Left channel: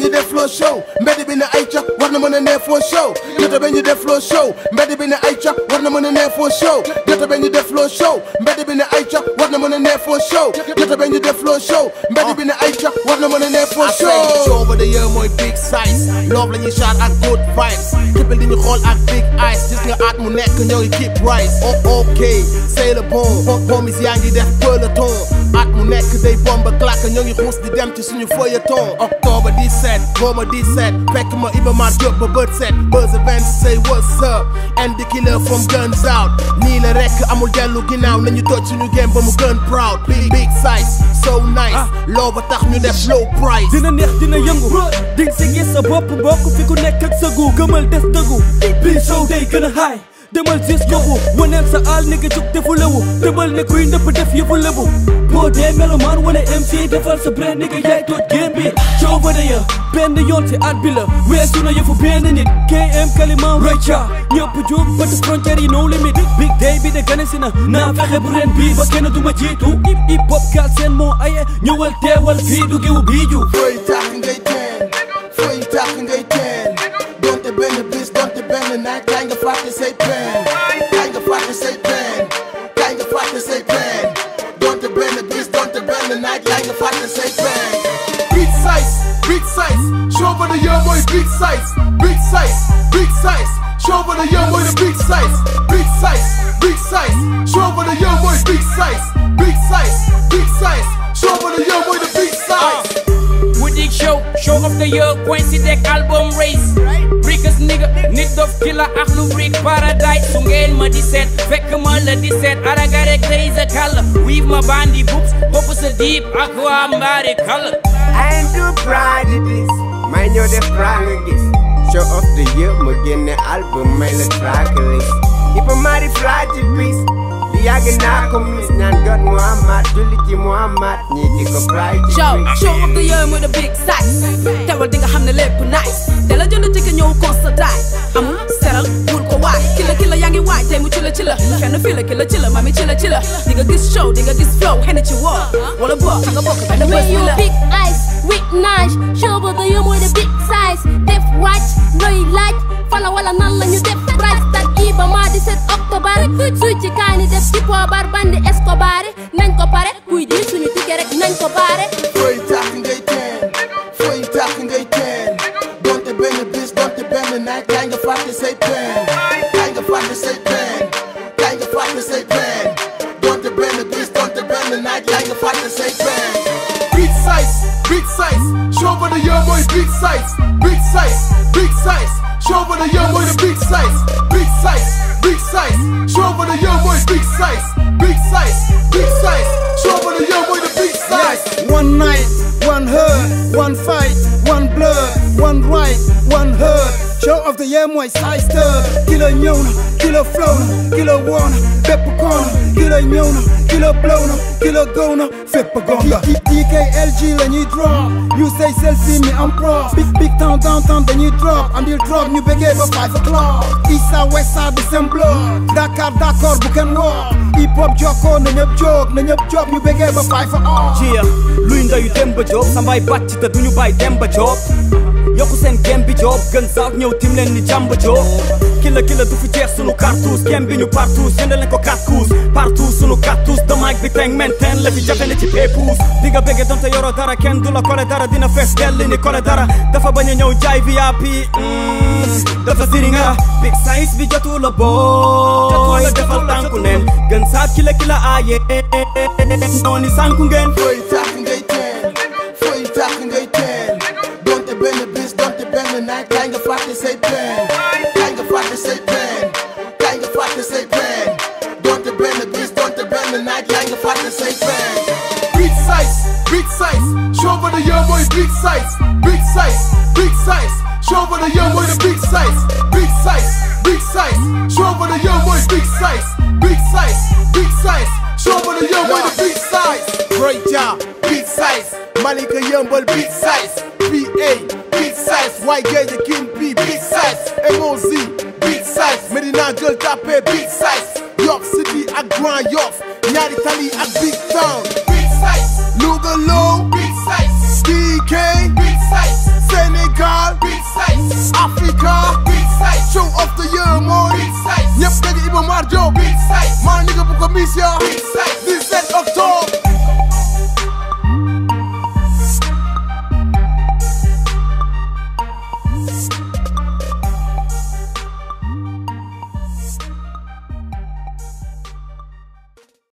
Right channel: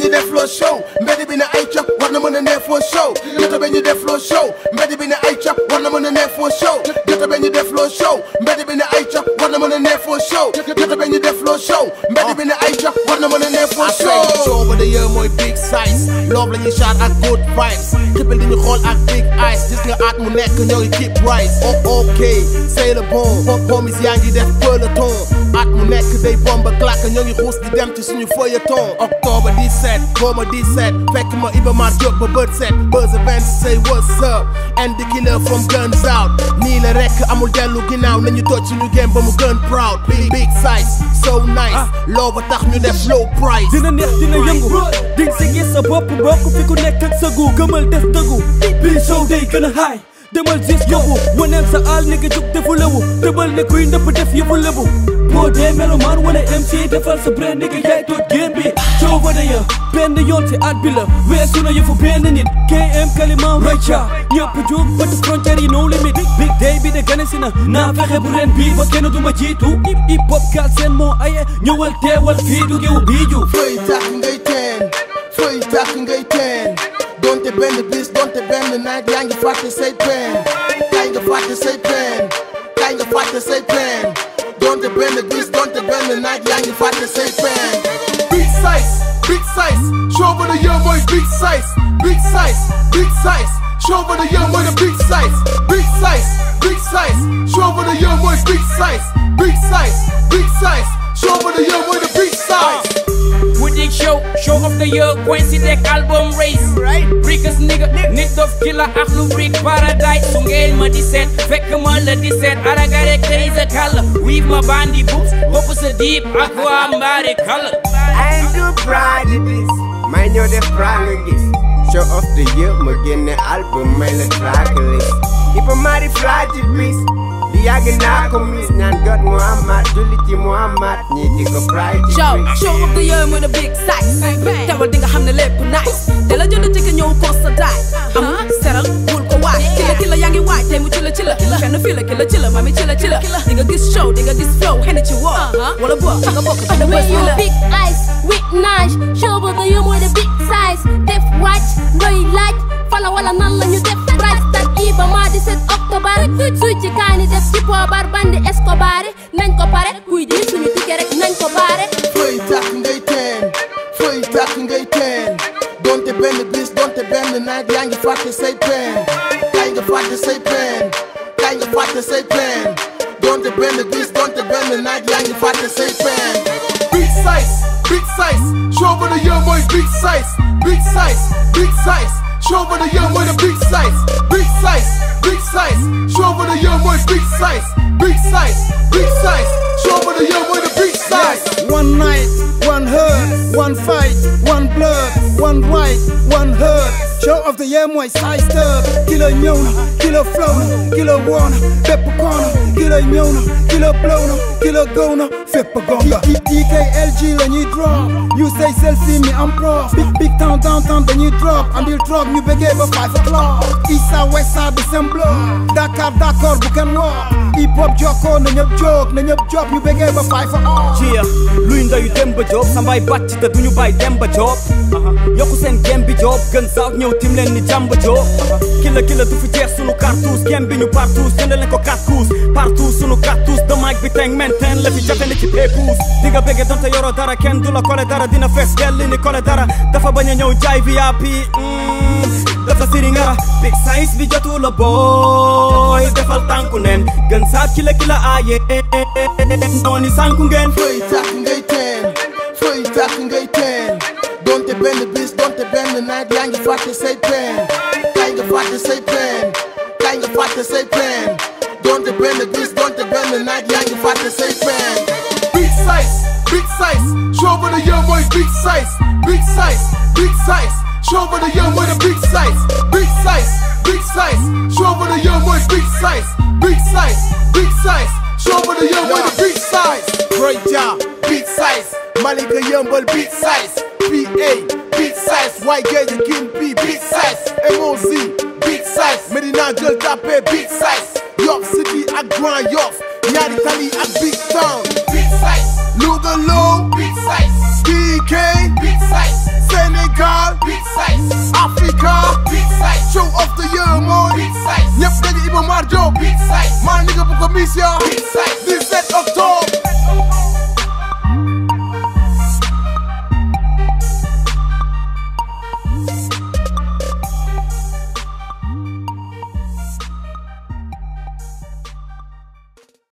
ben you def flow show mbedd bi ne ay ca war na mën a neex foo show gerte ben you def flow show mbedd bi ne ay ca war na mën a neex foo show gerte ben you def flow show mbedd bi ne ay ca war na mën a neex foo show gerte ben you def flow show mbedd bi ne ay ca war na mën a neex foo show show over the year mooy big size love la ñuy shot ak good vibes xippil di ñu xool ak big eyes gis nga at mu nekk ñoo ngi keep rise oh ok c'est le bon homies yaa ngi def peloton at mu nekk day bomba claque ñoo ngi xuus di dem ci suñu feuilleton octobre 17 boma 17 fekk ma Iba Mar Diop ba bët set buzz events say what's up and the killer from guns out nii la rek amul dellu ginnaaw nañu toj suñu game ba mu gën proud big size so nice loo ba tax ñu def low price dina neex dina yëngu ding si gis sa bopp mbokk fi ku nekk ak sa gu gëmal des dëggu bii show day gën a high demal gis yóbbu waneel sa aal ni nga jug defu lewu tëbal ne kuy ndëpp def yëfu lebu boo dee melomaan wane MC defal sa brand ni nga yaay toot game bi show over the year benn yoon ci at bi la weesu na yëfu benn nit KM kalimaam rayca ñëpp jóg bët frontière yi no limit big day bi de gane si na naa fexe bu ren bii ba kenn du ma jiitu hip hop kaal seen moo aye ñëwal teewal fii du giw biiju fooy tax ngay teen fooy tax ngay teen donte benn bis donte benn naaj yaa nga fàtte say pen yaa nga fàtte say pen yaa nga fàtte say pen donte benn bis donte benn naaj yaa nga fàtte say pen big size show for the young boy big size show for the young boy the big size show for the young boy big size show for the young boy the big size Boutique show of the year coincident album race Brickus nigga Nitdoff killer ak lu brick paradise su ngeen ma 17 fekk ma la 17 araga rek tey sa kala weave ma bandi boobs bopp sa deep ak waa mbaari kala I am too proud of this may ñoo def proud nga gis show of the year ma génne album may la track list Iba Mar fragile piece li yàgg naa ko mis ñaan God Muhammad julli ci Muhammad ñi di ko pride show of the year with a big size teewal di nga xam ne lépp nice te la jënd ci ñëw constaté am seral bul ko waay kila yaa ngi waay tey mu ci la fenn fii la kila mami ci la di nga gis show di nga gis flow xene ci woo wala boo nga bokk benn bés la big eyes with nice show of the year with a big size def watch looy laaj fala wala nan la ñu def price tag Iba Mar 17 octobre suy ci kaani def ci poobar bandi Escobar nañ ko pare kuy di suñu ticket rek nañ ko baare fooy tax ngay teen donte benn bis donte benn naaj yaa nga fàtte say pen yaa nga fàtte say pen yaa nga fàtte say pen donte benn bis donte benn naaj yaa nga fàtte say pen big size show for the young boy big size show for the young boy the big size show for the young boy big size show for the young boy the big size one night one hurt one fight one blood one right one hurt show of the year mooy size tëb kilo ñëw na kilo flow na kilo woona bépp koona kilo ñëw na kilo blow na kilo gow na fépp gonga DKLG la ñuy drop you say selfie mi am prof big town downtown dañuy drop andil drop ñu bëggee ba 5 o'clock east side west side the same block DAKA.R bu kenn woo hip hop jokkoo na ñëpp jóg ñu bëggee ba 5 o'clock luy ndayu dem ba job sambaay bàcc te duñu bàyyi dem ba job yokku seen game bi job gën saaw ñëw tim leen ni jàmba job kila du fi jeex sunu cartouche game bi ñu partout jënd leen ko 4 coups partout sunu cartouche de mic bi teng maintain la fi jafe ne ci pépouze di nga bëgge donte yoroo dara kenn du la kole dara dina fees dell ni kole dara dafa bañ a ñëw jaay VIP dafa siri nga big size bi jotu la boy defal tànku neen gën saat kila aaye nooni sànku ngeen fooy tax ngay teen donte benn bis donte benn naaj yaa nga fàtte say pen yaa nga fàtte say pen donte benn bis donte benn naaj yaa nga fàtte say pen big size show for the young boy big size show for the young boy the big size show for the young boy big size show for the young boy the big size great job big size Malika Yambal big size PA big size White Gage King B big size MOZ big size Medina Gueule Tapée big size Yoff City ak Grand Yoff ñaari tali ak Big Town big size Louga Low big size DK big size Sénégal, Africa, show of the year mooy ñëpp dañu Iba Mar Diop maa nigga bu ko mission 17 octobre